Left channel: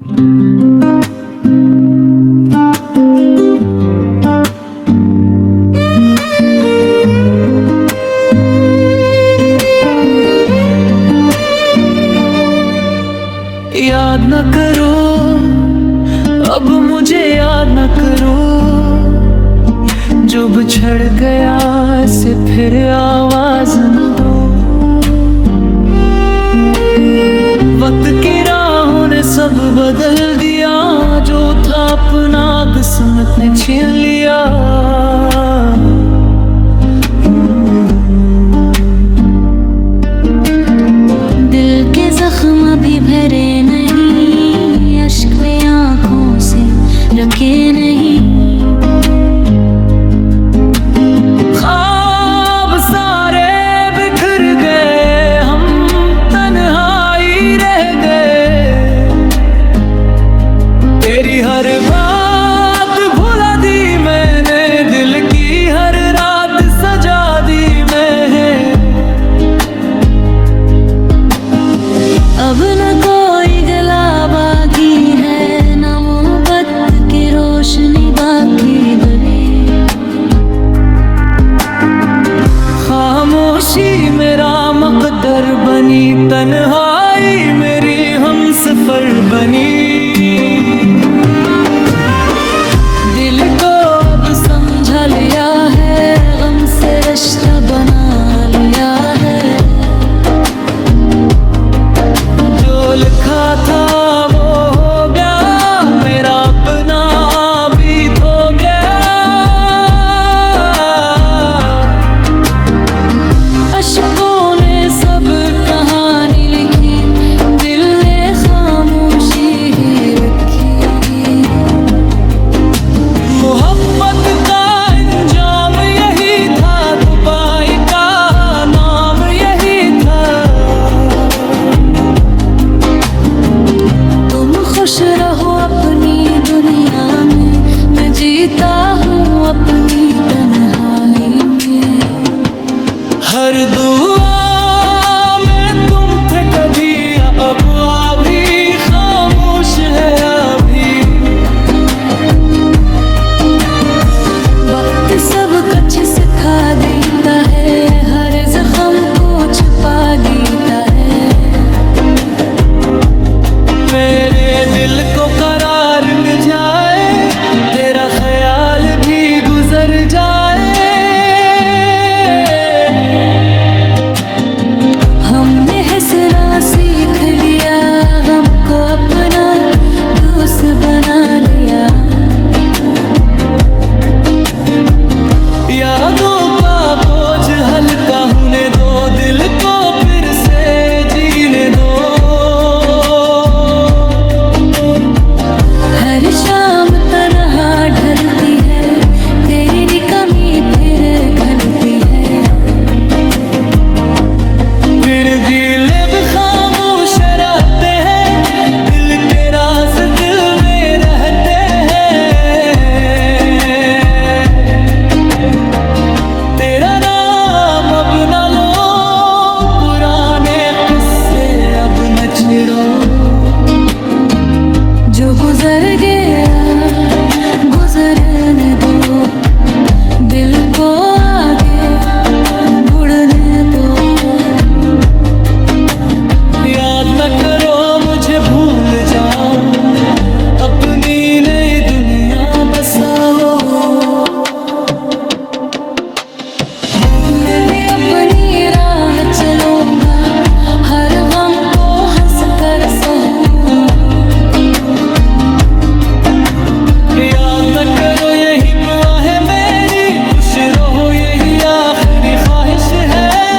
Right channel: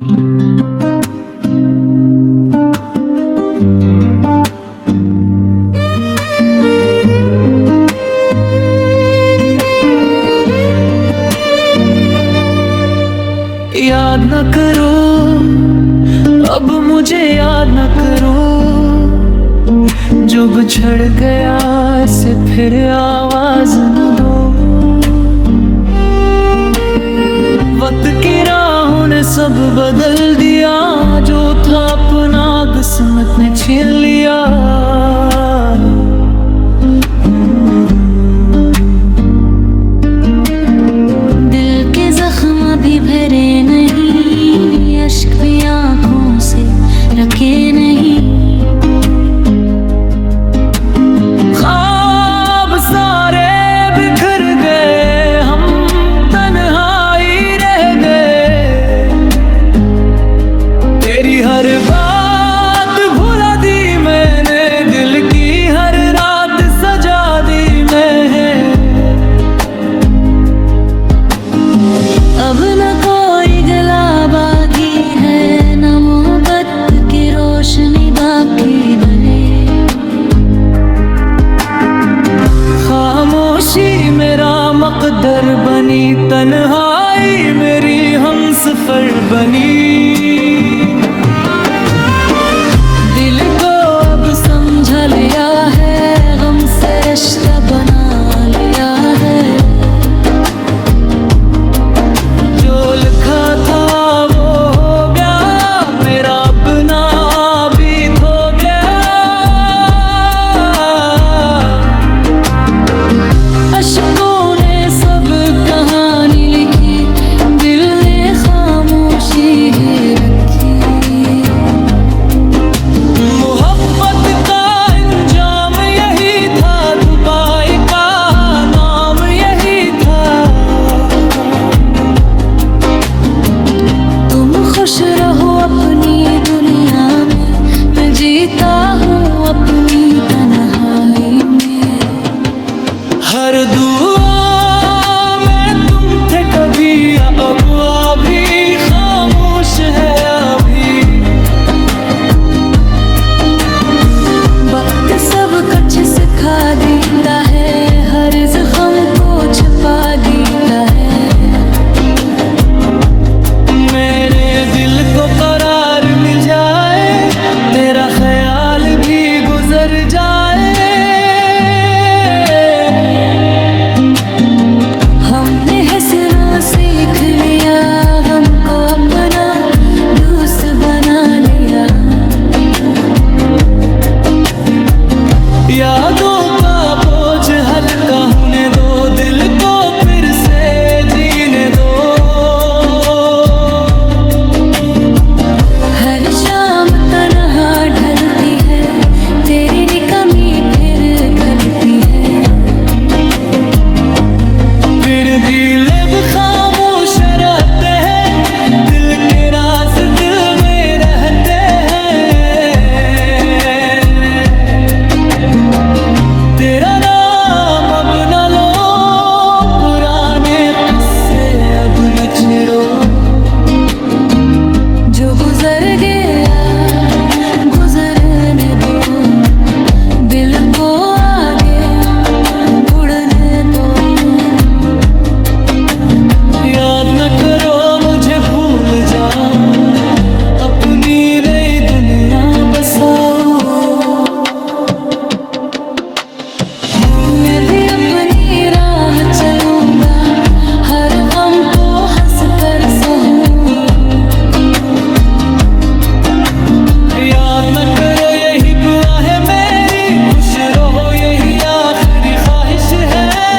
याद न करो, अब मुझे याद न करो, जो बिछड़ गया से फिर आवाज न दो। वक्त की राहों ने सब बदल दिया, जो था अपना किस्मत ने छीन लिया। दिल के जख्म भी भरे नहीं, अश्क भी आँखों से रखे नहीं। ख्वाब सारे बिखर गए, हम तन्हाई रह गए। तेरी हर बात भुला दी मैंने, दिल की हर रात सजा दी मैं। अब न कोई गला बाकी है, न मोहब्बत की रोशनी बाकी बनी। खामोशी मेरा मकदर बनी, तन्हाई मेरी हमसफर बनी। दिल को अब समझा लिया है, गम से रिश्ता बना लिया है। जो लिखा था वो हो गया, मेरा अपना बीत हो गया। अशकों ने सब कहानी लिखी, दिल ने खामोशी ही रखी। मोहब्बत का अंजाम यही था, दुबाई का नाम यही था। तुम खुश रहो अपनी दुनिया में, मैं जीता हूँ अपनी तन्हाई में। हर दुआ में तुम थे कभी, अब अभी खामोश है अभी। वक्त सब कुछ सिखा देता है, हर जख्म को छुपा देता है। मेरे दिल को करार मिल जाए, तेरा ख्याल भी गुजर जाए। हमने हंसना सीख लिया, गम को अपना दोस्त बना लिया। यादों का बोझ हल्का होने दो, दिल को फिर से जीने दो। हर शाम तन्हा ढलती है, तेरी कमी फिर खलती है। फिर दिल खामोश रहते हैं, दिल के राज दिल में रहते हैं। तेरा नाम अब न लो, पुराने किस्से अब न छेड़ो। जो गुजर गया गुजरने दो, दिल को आगे बढ़ने दो। याद न करो मुझे, भूल जाओ, अपनी नई दुनिया बसाओ। मैं भी अपनी राह चलूंगा, हर गम को हंस कर सहूंगा। याद न करो यही दुआ है मेरी, खुश रहो यही आखिरी ख्वाहिश है।